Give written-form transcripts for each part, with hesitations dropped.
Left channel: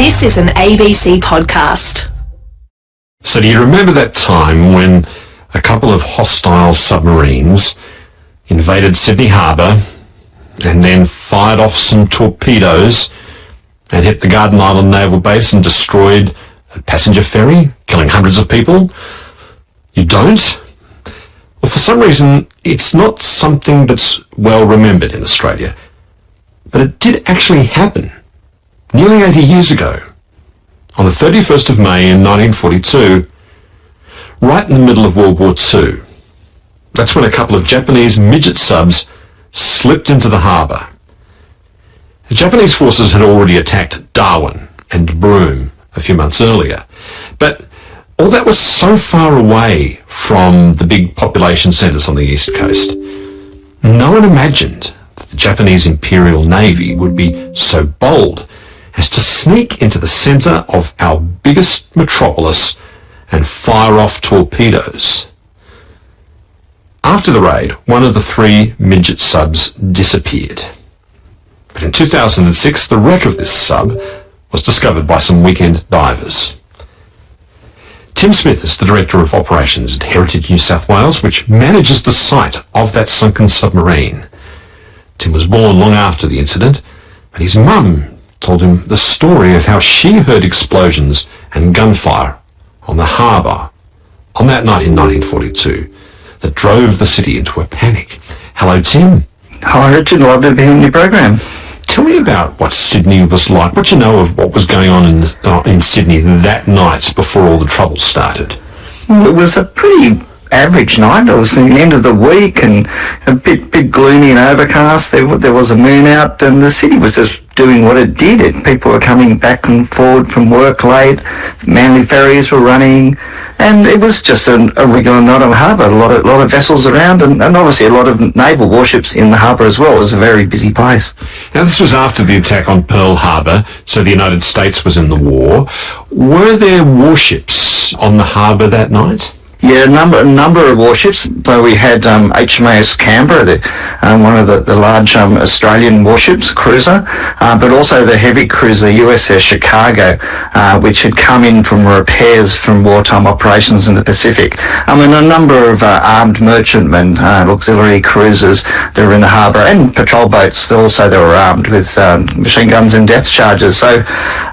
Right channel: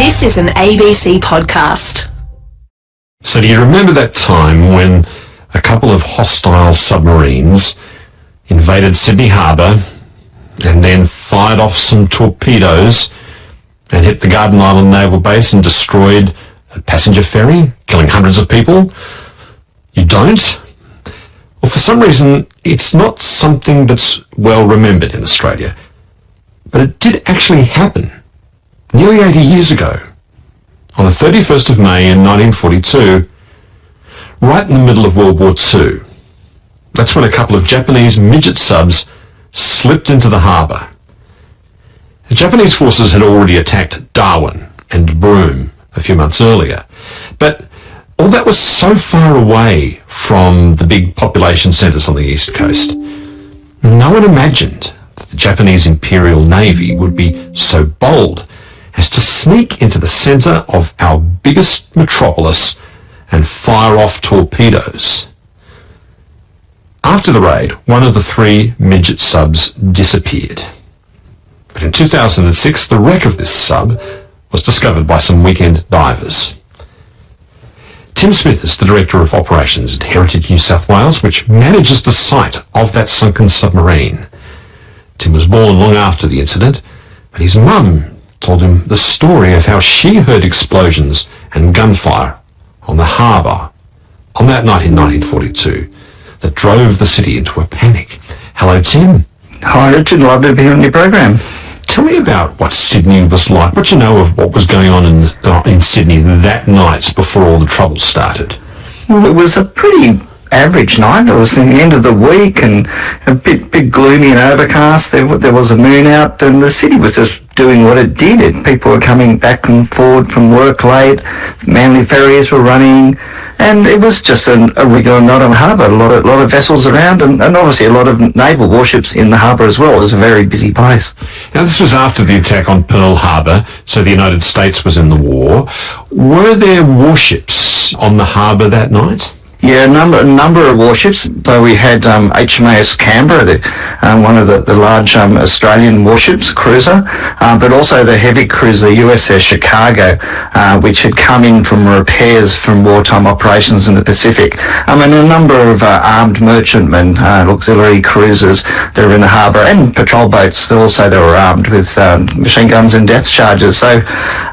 This is an ABC podcast. So do you remember that time when a couple of hostile submarines invaded Sydney Harbour and then fired off some torpedoes and hit the Garden Island Naval Base and destroyed a passenger ferry, killing hundreds of people? You don't? Well, for some reason, it's not something that's well remembered in Australia. But it did actually happen nearly 80 years ago, on the 31st of May in 1942, right in the middle of World War II. That's when a couple of Japanese midget subs slipped into the harbour. The Japanese forces had already attacked Darwin and Broome a few months earlier, but all that was so far away from the big population centres on the east coast. No one imagined that the Japanese Imperial Navy would be so bold as to sneak into the centre of our biggest metropolis and fire off torpedoes. After the raid, one of the three midget subs disappeared. But in 2006, the wreck of this sub was discovered by some weekend divers. Tim Smith is the Director of Operations at Heritage New South Wales, which manages the site of that sunken submarine. Tim was born long after the incident, but his mum told him the story of how she heard explosions and gunfire on the harbour on that night in 1942 that drove the city into a panic. Hello, Tim. Hi, Richard. Lovely to be on your program. Tell me about what Sydney was like. What you know of what was going on in Sydney that night before all the trouble started? Well, it was a pretty average night. It was the end of the week and a bit gloomy and overcast. There was a moon out and the city was just doing what it did. People were coming back and forward from work late. Manly ferries were running. And it was just a regular night on the harbour. A lot of vessels around and obviously a lot of naval warships in the harbour as well. It was a very busy place. Now, this was after the attack on Pearl Harbor, so the United States was in the war. Were there warships on the harbour that night? Yeah, a number of warships. So we had HMAS Canberra, one of the large Australian warships, cruiser, but also the heavy cruiser USS Chicago, which had come in from repairs from wartime operations in the Pacific. And a number of armed merchantmen, auxiliary cruisers that were in the harbour, and patrol boats. Also, they were armed with machine guns and depth charges. So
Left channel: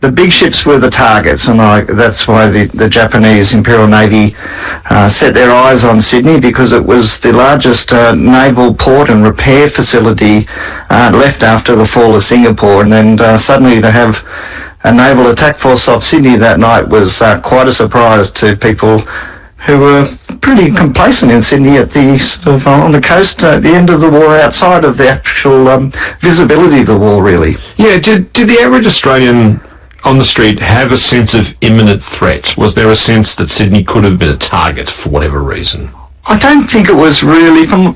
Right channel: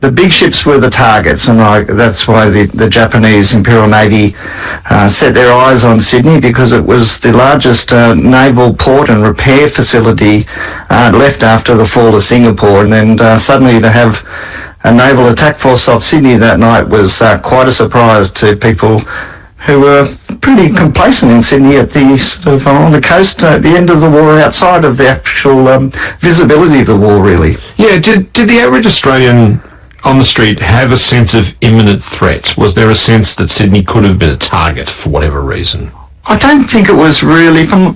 the big ships were the targets, and that's why the Japanese Imperial Navy set their eyes on Sydney, because it was the largest naval port and repair facility left after the fall of Singapore. And then suddenly to have a naval attack force off Sydney that night was quite a surprise to people who were pretty complacent in Sydney at the sort of on the coast at the end of the war, outside of the actual visibility of the war, really. Yeah, did the average Australian on the street have a sense of imminent threat? Was there a sense that Sydney could have been a target for whatever reason? I don't think it was really. From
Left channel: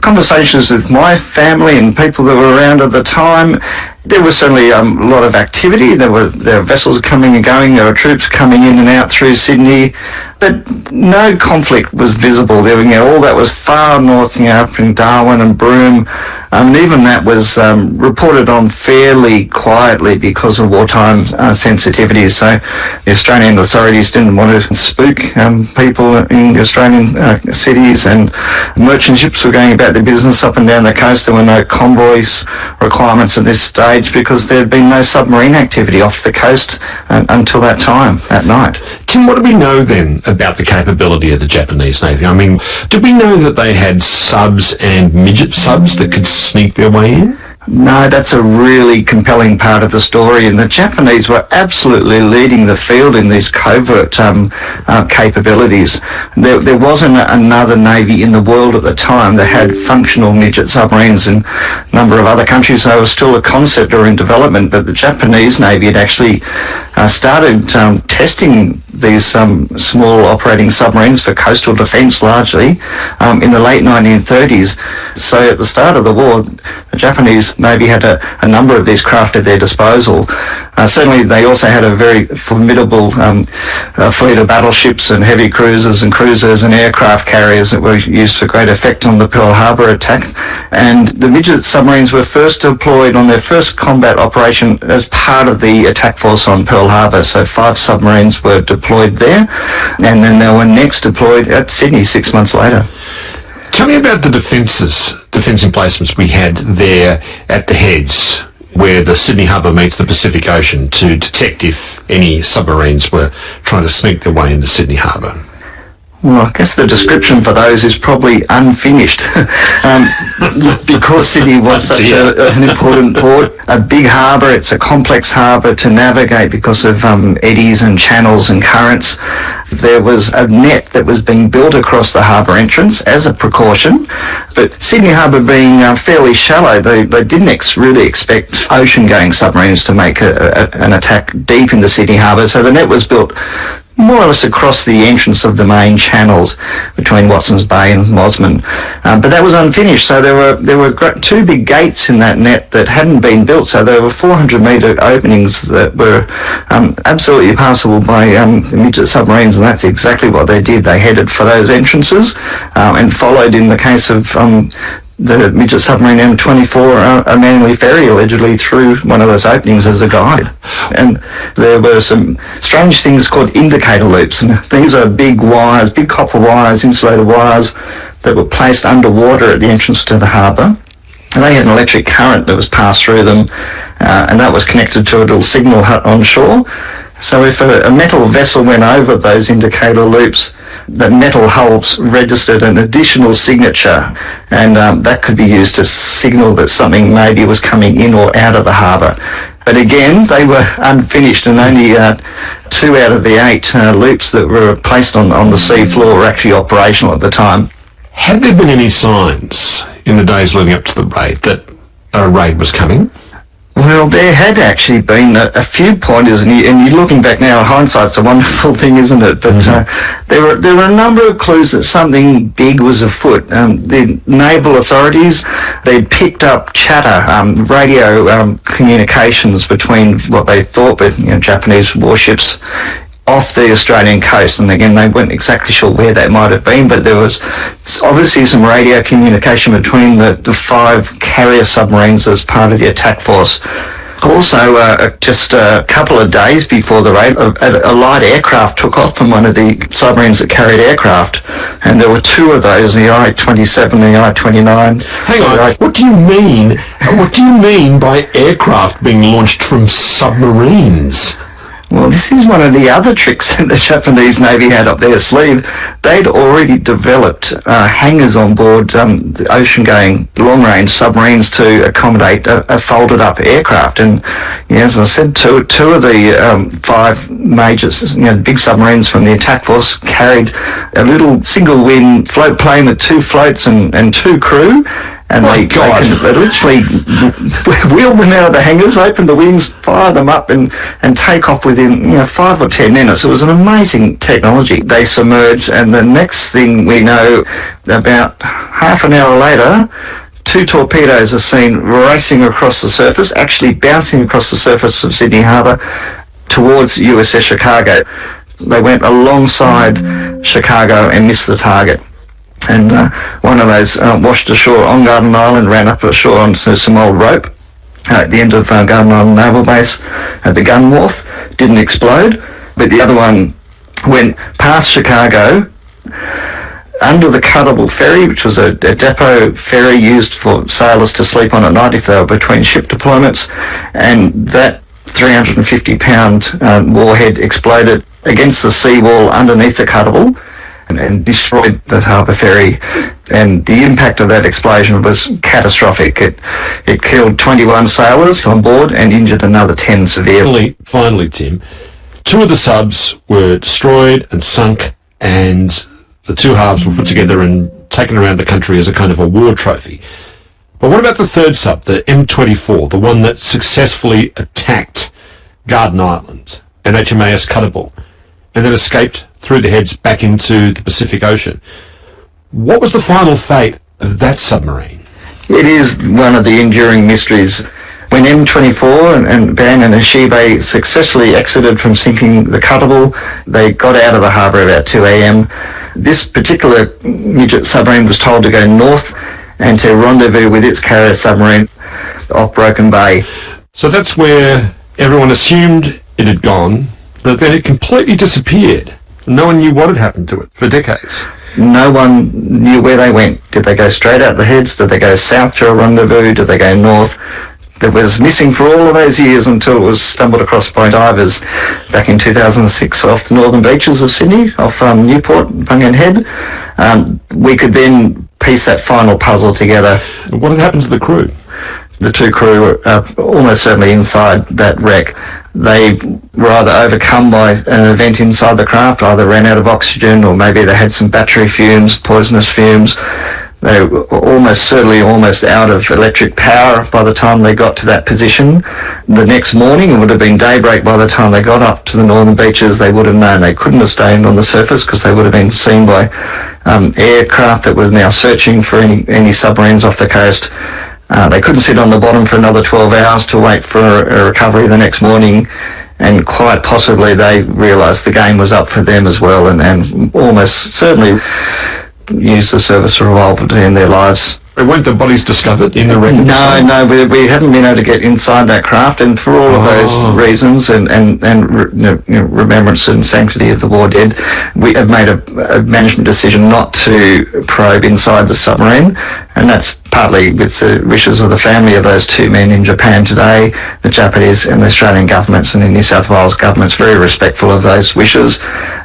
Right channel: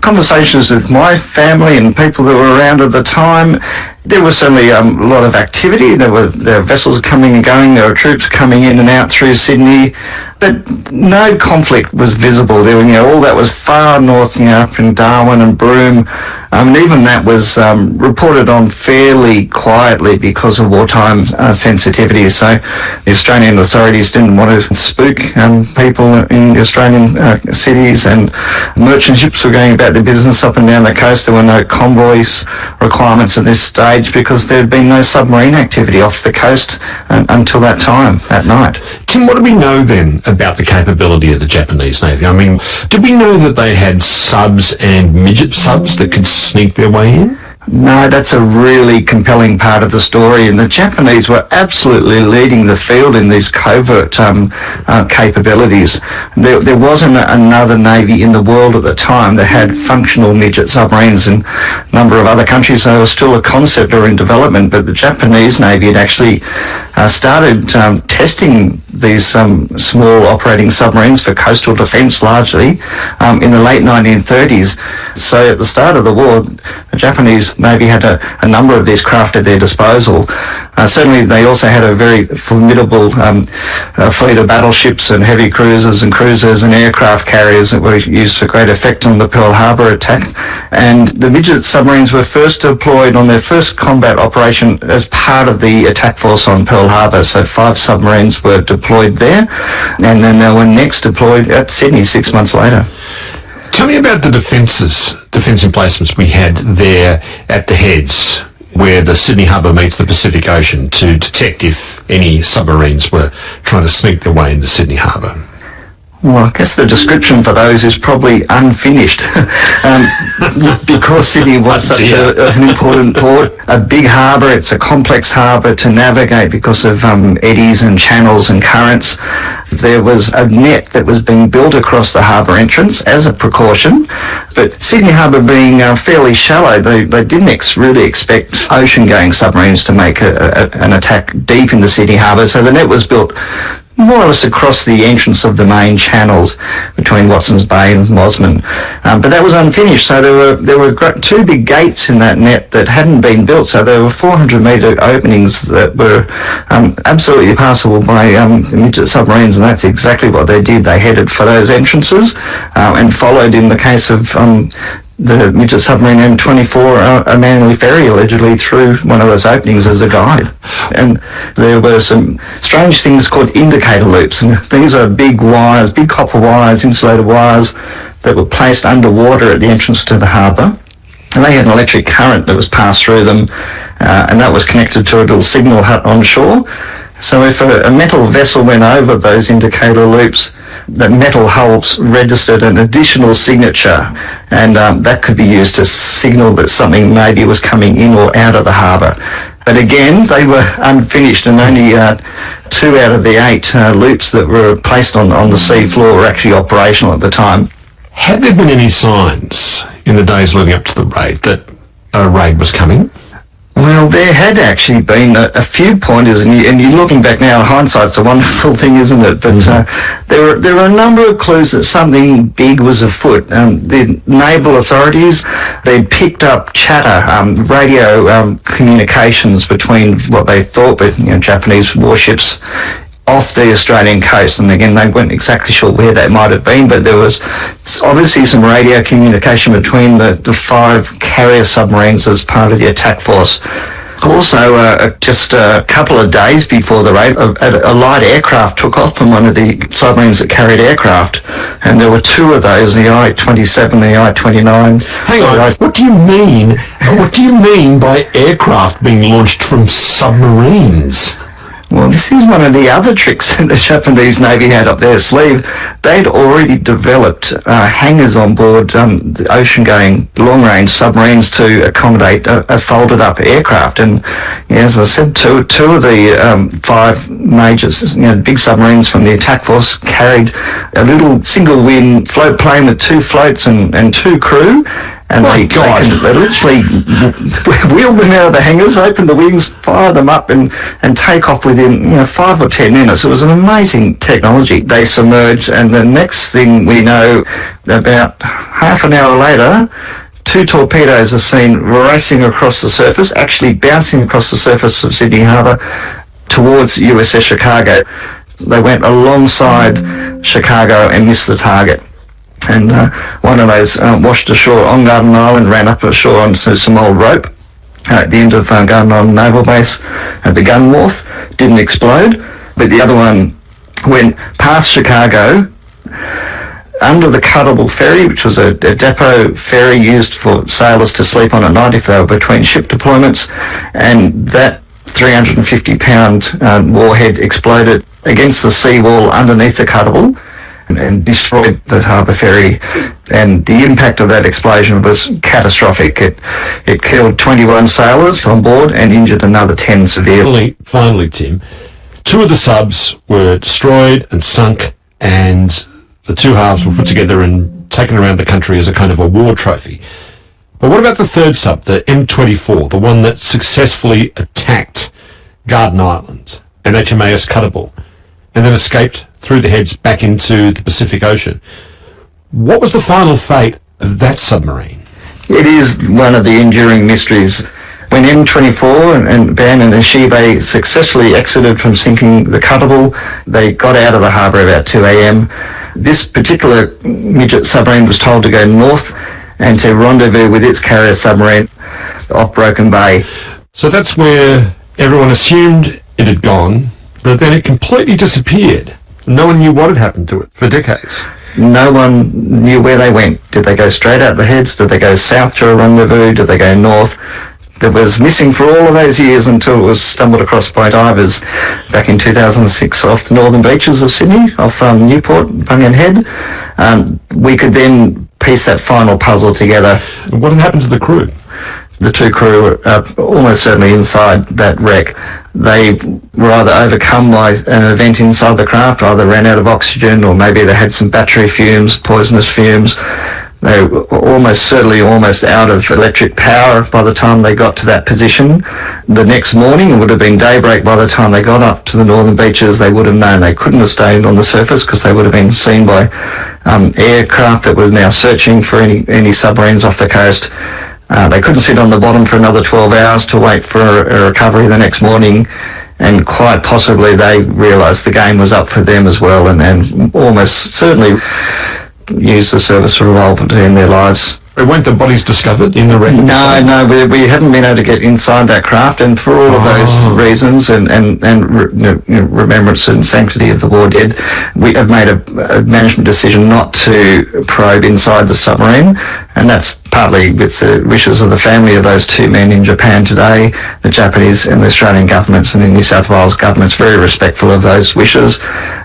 conversations with my family and people that were around at the time, there was certainly a lot of activity. There were vessels coming and going. There were troops coming in and out through Sydney, but no conflict was visible. There was, all that was far north, up in Darwin and Broome. And even that was reported on fairly quietly because of wartime sensitivities. So the Australian authorities didn't want to spook people in the Australian cities, and merchant ships were going about their business up and down the coast. There were no convoys requirements at this stage because there had been no submarine activity off the coast until that time, that night. Tim, what do we know then about the capability of the Japanese Navy? I mean, did we know that they had subs and midget subs that could sneak their way in? No, that's a really compelling part of the story, and the Japanese were absolutely leading the field in these covert capabilities. There wasn't another navy in the world at the time that had functional midget submarines. In a number of other countries, they were still a concept or in development, but the Japanese Navy had actually started testing these small operating submarines for coastal defence largely in the late 1930s. So at the start of the war, the Japanese US Navy had a number of these craft at their disposal. Certainly they also had a very formidable fleet of battleships and heavy cruisers and aircraft carriers that were used for great effect on the Pearl Harbor attack. And the midget submarines were first deployed on their first combat operation as part of the attack force on Pearl Harbor. So 5 submarines were deployed there, and then they were next deployed at Sydney 6 months later. Tell me about the defence emplacements we had there at the heads, where the Sydney Harbour meets the Pacific Ocean, to detect if any submarines were trying to sneak their way into Sydney Harbour. Well, I guess the description for those is probably unfinished. Because Sydney was such an important port, a big harbour, it's a complex harbour to navigate because of eddies and channels and currents. There was a net that was being built across the harbour entrance as a precaution, but Sydney Harbour being fairly shallow, they didn't really expect ocean-going submarines to make an attack deep into Sydney Harbour, so the net was built more or less across the entrance of the main channels between Watson's Bay and Mosman. But that was unfinished, so there were 2 big gates in that net that hadn't been built, so there were 400-metre openings that were absolutely passable by midget submarines, and that's exactly what they did. They headed for those entrances and followed, in the case of the midget submarine M24, a Manly ferry allegedly through one of those openings as a guide. And there were some strange things called indicator loops, and these are big wires, big copper wires, insulated wires that were placed underwater at the entrance to the harbour. And they had an electric current that was passed through them, and that was connected to a little signal hut on shore. So if a metal vessel went over those indicator loops, the metal hulls registered an additional signature, and that could be used to signal that something maybe was coming in or out of the harbour. But again, they were unfinished, and only 2 out of the 8 loops that were placed on the sea floor were actually operational at the time. Had there been any signs in the days leading up to the raid that a raid was coming? Well, there had actually been a few pointers, and you're looking back now, hindsight's a wonderful thing, isn't it? But there were a number of clues that something big was afoot. The naval authorities, they'd picked up chatter, radio communications between what they thought were Japanese warships off the Australian coast, and again they weren't exactly sure where that might have been, but there was obviously some radio communication between the 5 carrier submarines as part of the attack force. Also, just a couple of days before the raid, a light aircraft took off from one of the submarines that carried aircraft, and there were 2 of those, the I-27 and the I-29. Hang on, what do you mean? What do you mean by aircraft being launched from submarines? Well, this is one of the other tricks that the Japanese Navy had up their sleeve. They'd already developed hangars on board the ocean-going long-range submarines to accommodate a folded-up aircraft. And as I said, two of the 5 major, big submarines from the attack force carried a little single-wing float plane with 2 floats and 2 crew. And they literally wheel them out of the hangars, open the wings, fire them up, and take off within 5 or 10 minutes. It was an amazing technology. They submerged, and the next thing we know, about half an hour later, 2 torpedoes are seen racing across the surface, actually bouncing across the surface of Sydney Harbour towards USS Chicago. They went alongside Chicago and missed the target. And one of those washed ashore on Garden Island, ran up ashore onto some old rope at the end of Garden Island Naval Base at the gun wharf. Didn't explode, but the other one went past Chicago under the Cuttable ferry, which was a depot ferry used for sailors to sleep on at night if they were between ship deployments, and that 350-pound warhead exploded against the seawall underneath the Cuttable and destroyed the harbour ferry, and the impact of that explosion was catastrophic. It killed 21 sailors on board and injured another 10 severely. Finally, Tim, 2 of the subs were destroyed and sunk, and the 2 halves were put together and taken around the country as a kind of a war trophy. But what about the 3rd sub, the M24, the one that successfully attacked Garden Island and HMAS Cuttable, and then escaped through the heads back into the Pacific Ocean? What was the final fate of that submarine? It is one of the enduring mysteries. When M24 and Ben and Ashibe successfully exited from sinking the Cuttable, they got out of the harbour about 2 a.m. This particular midget submarine was told to go north and to rendezvous with its carrier submarine off Broken Bay. So that's where everyone assumed it had gone, but then it completely disappeared. No one knew what had happened to it for decades. No one knew where they went. Did they go straight out the heads? Did they go south to a rendezvous? Did they go north? That was missing for all of those years until it was stumbled across by divers back in 2006 off the northern beaches of Sydney, off Newport, Bungan Head. We could then piece that final puzzle together. What had happened to the crew? The two crew were almost certainly inside that wreck. They were either overcome by an event inside the craft, either ran out of oxygen, or maybe they had some battery fumes, poisonous fumes. They were almost certainly out of electric power by the time they got to that position. The next morning, it would have been daybreak by the time they got up to the northern beaches. They would have known they couldn't have stayed on the surface because they would have been seen by aircraft that was now searching for any submarines off the coast. They couldn't sit on the bottom for another 12 hours to wait for a recovery the next morning. And quite possibly they realised the game was up for them as well, and almost certainly used the service revolver to end their lives. Weren't the bodies discovered in the wreck? No, we haven't been able to get inside that craft, and for all of those reasons and remembrance and sanctity of the war dead, we have made a management decision not to probe inside the submarine, and that's partly with the wishes of the family of those two men in Japan today. The Japanese and the Australian governments and the New South Wales government's very respectful of those wishes.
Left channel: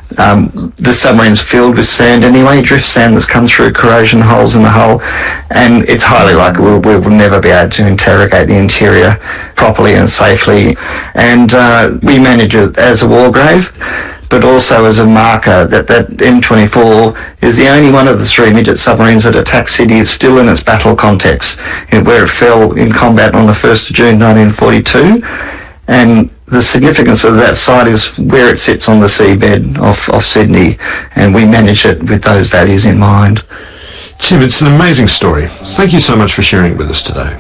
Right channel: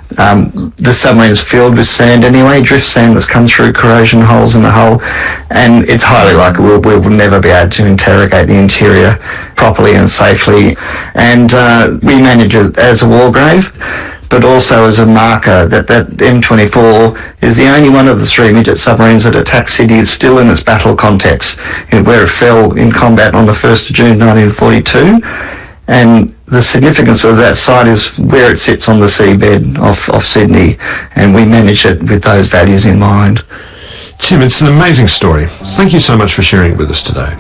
The submarine's filled with sand anyway, drift sand that's come through corrosion holes in the hull, and it's highly likely we will never be able to interrogate the interior properly and safely. And we manage it as a war grave, but also as a marker that M24 is the only one of the three midget submarines that attacked Sydney is still in its battle context, where it fell in combat on the 1st of June 1942. And the significance of that site is where it sits on the seabed of Sydney, and we manage it with those values in mind. Tim, it's an amazing story. Thank you so much for sharing it with us today.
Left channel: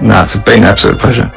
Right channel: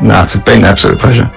No, it's been an absolute pleasure.